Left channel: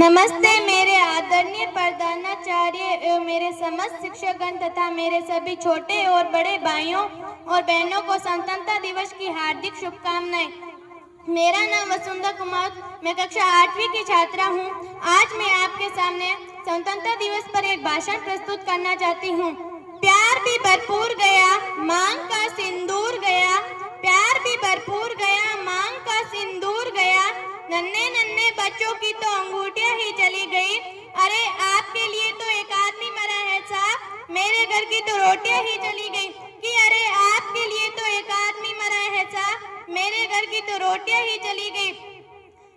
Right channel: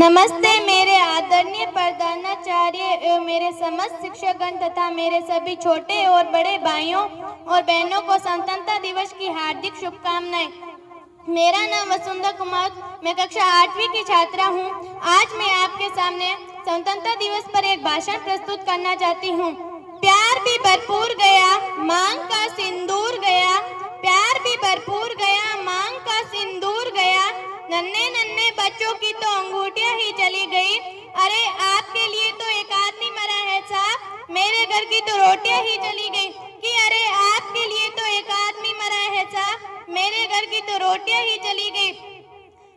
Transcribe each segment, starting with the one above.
नमस्ते मेरे आदरणीय प्रधानाचार्य एवं मेरे समस्त शिक्षकगण तथा मेरे सभी छोटे और बड़े भाइयों और बहनों को स्वतंत्रता दिवस की हार्दिक शुभकामनाएं। मेरा नाम वसुंधरा कुमार, मैं कक्षा 8वीं की छात्रा हूं। आज मैं आपके सामने स्वतंत्रता दिवस पर एक भाषण प्रस्तुत करना चाहती हूं। प्यार भी भरपूर गया, मांग का सिंदूर गया, प्यार भी भरपूर गया, मांग का सिंदूर गया, नन्हे नन्हे बच्चों की तो अंगूठियां ही चली गई। अरे आपके लिए तो एक आदमी मरा है साहब, मेरे घर की तो रोटियां ही चली गई। कि अरे आपके लिए तो एक आदमी मरा है साहब, मेरे घर की तो रोटियां ही चली गई।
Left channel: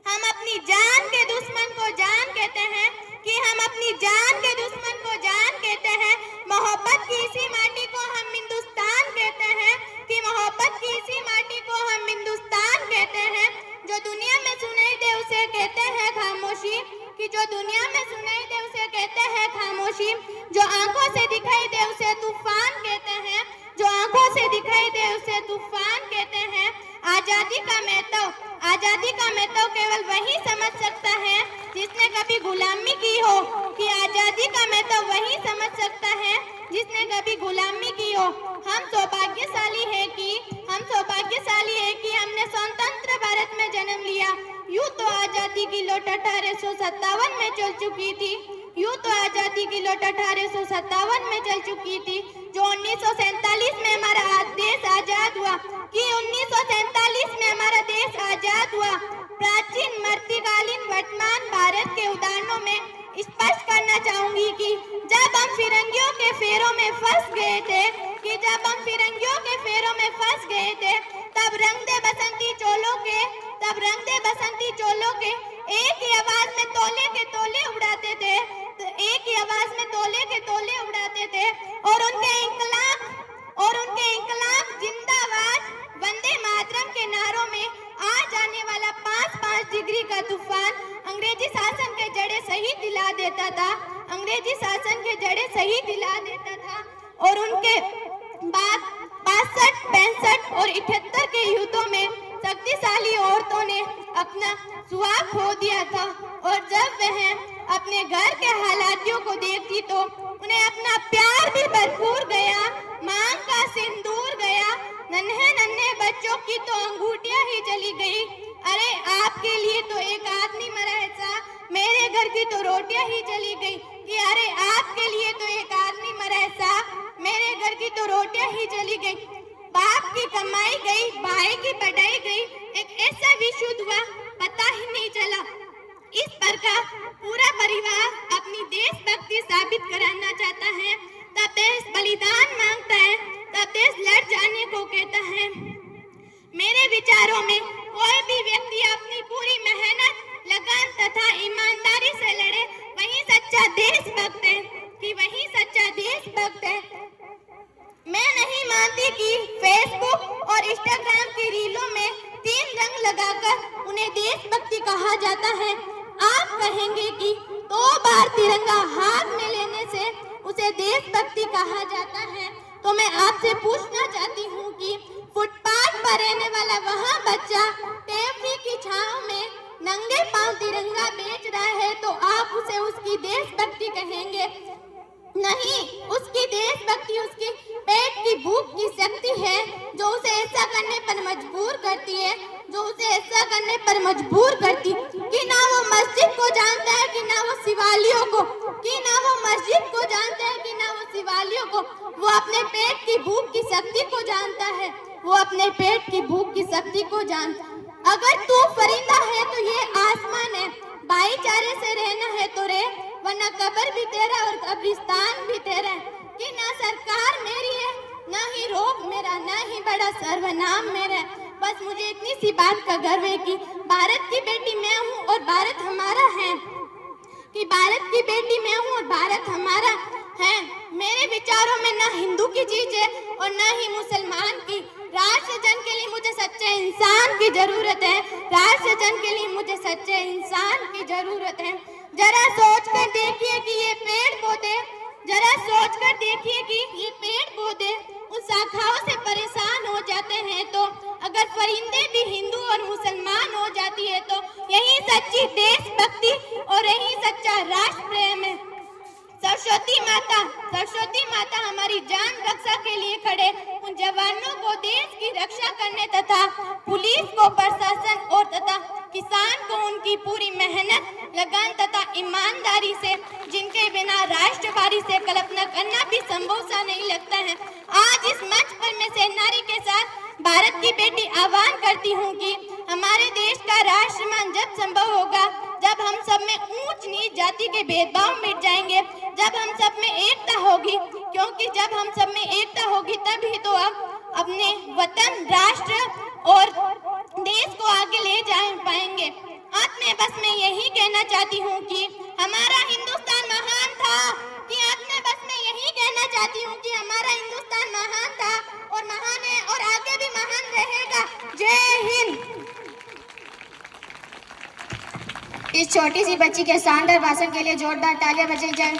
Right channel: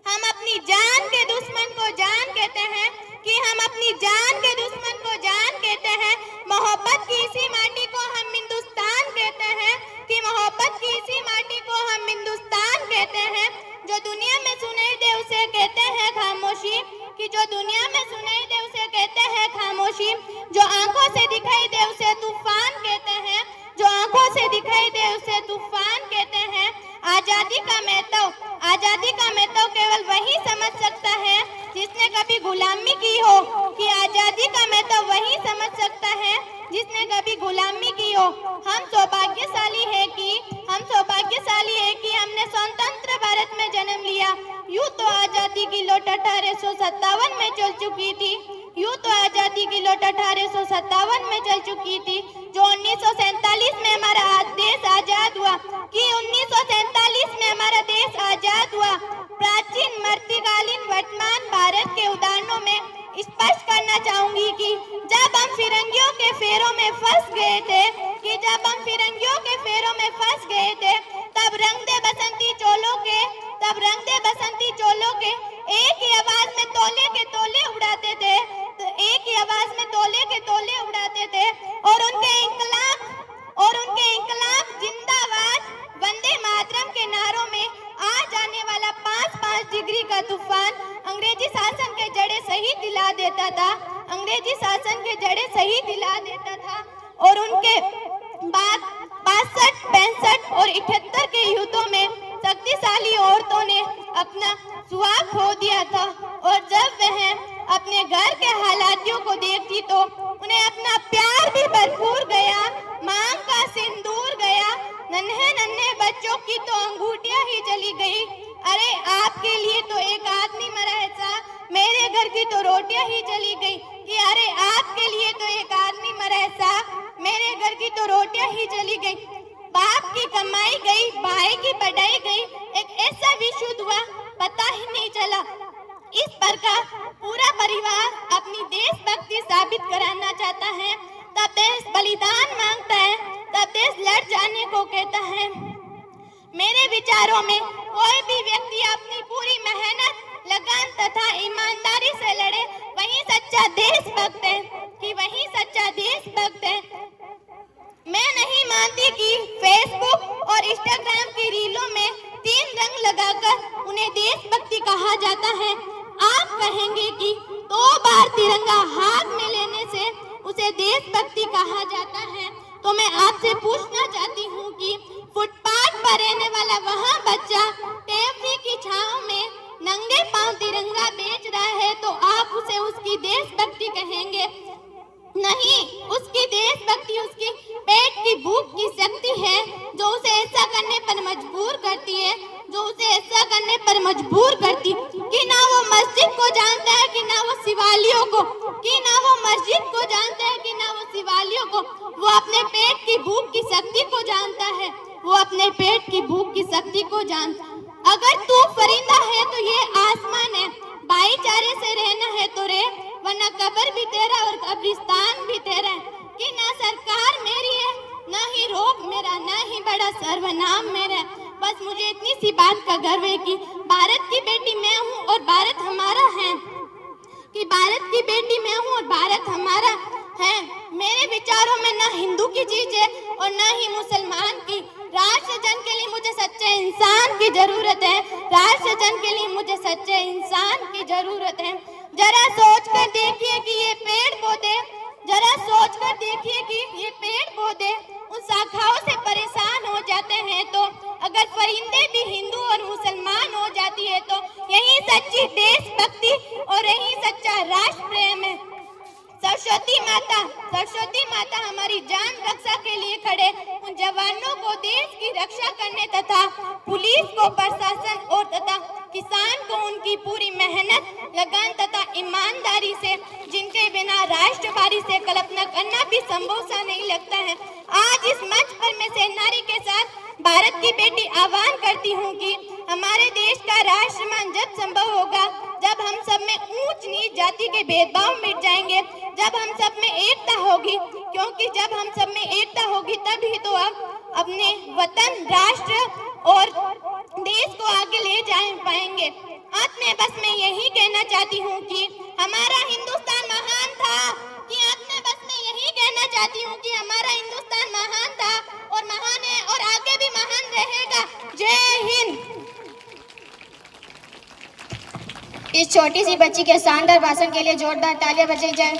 हम अपनी जान के दुश्मन को जान कहते हैं, कि हम अपनी जान के दुश्मन को जान कहते हैं। मोहब्बत की इसी माटी को हम हिंदुस्तान कहते हैं, कि मोहब्बत की इसी माटी को हम हिंदुस्तान कहते हैं। जो दुनिया में सुनाई दे उसे कहते हैं खामोशी, कि जो दुनिया में सुनाई दे उसे कहते हैं खामोशी। जो आंखों से दिखाई दे उसे तूफान कहते हैं, जो आंखों से दिखाई दे उसे तूफान कहते हैं। आजादी का महत्व केवल वही समझ सकता है जिसने कभी गुलामी की हो, कि आजादी का महत्व वही समझ सकता है जिसने कभी गुलामी की हो। हम सौभाग्यशाली है कि हमने स्वतंत्र भारत में जन्म लिया। यूं तो आजादी की लौट 1857 में चल चुकी थी, यूं तो आजादी की लौट 1857 में चल चुकी थी। जो 1947 में हमारा देश आजाद हुआ, कि 1947 में हमारा देश आजाद हुआ। प्राचीन, मध्यकालीन, वर्तमान भारत के उदाहरणों में स्पष्ट करना चाहूंगी कि जब हम फिरंगियों के फेरों में फंस गए थे, कि जब हम फिरंगियों के फेरों में फंस गए थे, तब रंग दे बसंती चोलों के एक ही आवाज में तोले के तोले उड़ाते थे, एक ही आवाज में तोले के तोले उड़ाते थे। और उनके इंकलाब जिंदाबाद, वंदे मातरम के नारों में आ जाने वाला 5-5 डिग्री का तूफान अंग्रेजी शासन के जड़े सही दिला देता था, अंग्रेजी शासन के जड़े सही दिला देता था। और उनके बाद 62, 65 और 78 के युद्धों में शक्तिशाली औरतों ने अपना सुहाग खो दिया था। और जब वह अपने घर के हालातियों को देखती तो उन्हें अपना प्यार भी भरपूर गया, मांग का सिंदूर गया, नन्हे नन्हे बच्चों की तो अंगूठियां ही चली गई। अरे आपके लिए तो एक आदमी मरा है साहब, मेरे घर की तो रोटियां ही चली गई। कि अरे आपके लिए तो एक आदमी मरा है साहब, मेरे घर की तो रोटियां ही चली गई। बाप की कमाई गई, भाई की पढ़ाई गई, एक ऐसा विशुद्ध हुआ पता ही नहीं चला। इस प्रकार पूरा परिवार अपनी देशभक्ति साबित कराना चाहता है, तब देश बलिदान मांगता है, तब देश लड़ जाने को कहता है। मेरे विचारों में कोई भी व्यक्ति अपनी पूरी मेहनत, लगन तथा ईमानदारी से लड़े, वही सच्चा देशभक्त है, कि वही सच्चा देशभक्त है। मैं नहीं मानती कि फेसबुक और इंस्टाग्राम की रीलों में 3 रंग लगाकर उन्हें देशभक्ति कहा जाता है। आप कहेंगे कि 2 बार तिरंगा हाथ में लेने से उसे देशभक्ति कहा जाता है, तो मैं आपसे पूछना चाहती हूँ कि फुटपाथ पर रहने वाला वहाँ बच्चा टेपी की छांव में नंगे पांव तिरंगा बेच रहा है, तो आप उसे उसकी देशभक्ति कहेंगे? नहीं, उसकी देशभक्ति उसकी पेट की भूख की शक्ति है, जो उसे ऐसा करने पर मजबूर करती है, जो उसे ऐसा करने पर मजबूर करती, कि ना वो मस्जिद को जानता है, कि ना वो शिवालियों को, कि ना वो मस्जिद को जानता है, कि ना वो शिवालियों को। वो अपने पेट की भूख की शक्ति को जानता है, वो अपने पेट की भूख की शक्ति को जानता। अगर तू परिंदा है तो ये आसमान है, भाईचारे से रहना है तो रे, वरना कब्र भी तेरा और कब्रिस्तान भी तेरा है। कि ना सरकार मेरी है, ना ही रोब मेरा, ना ही बड़ा सर्वनाम मेरा है। बस मुझे इतनी सी बात का गर्व है कि भारत की बेटी मैं हूँ और भारत हमारा है, कि भारत की बेटी मैं हूँ और भारत हमारा है। मेरे विचारों में ना हिंदू की चीज है और ना ही मुसलमान की। राष्ट्र जन के लिए मुझे सच्चे इंसान की जरूरत है, राष्ट्र जन के लिए मुझे सच्चे इंसान की जरूरत है। जरा सोच कर देखिए कि ये पेड़ पौधे, जरा सोच कर देखिए कि ये पेड़ पौधे उन शाखाओं से परेशान हो जाते हैं, तो अगर परिंदे भी हिंदू और मुसलमान हो जाती है, तो यही सच्ची देशभक्ति और यही सच्चा राष्ट्र प्रेम है। सरस्वती माता हमारी जान रक्षा के लिए खड़े उन जवानों को देश की रक्षा करने तथा पुलिस को प्रशासन और तथा किसान को उनकी पूरी मेहनत, लगन तथा ईमानदारी से, जिनके बिना राष्ट्रवादी से कल्पना करना भी संभव सा नहीं लगता है। आज इस मंच पर मैं सेनानी के साथ भारत की बेटी आह्वान करती हूँ कि हमारे देश का राष्ट्रमान जब संभव होगा, जब हम सब में ऊंच नीच जाति के भेदभाव मिट जाएंगे, जब हम सब में एकता होगी, क्योंकि जब हम सब में एकता होगी तभी तो आप अपने वतन, राष्ट्र और देश को आगे ले जा पाएंगे। अंत में बस मैं यही कहना चाहती हूँ कि हमारा हिंदुस्तान महान था, हमारा हिंदुस्तान महान था और महान है और आगे भी महान रहेगा। जय हिंद। इस छोटी सी बच्ची के शानदार भाषण के लिए जोरदार तालियां बजाई जाए।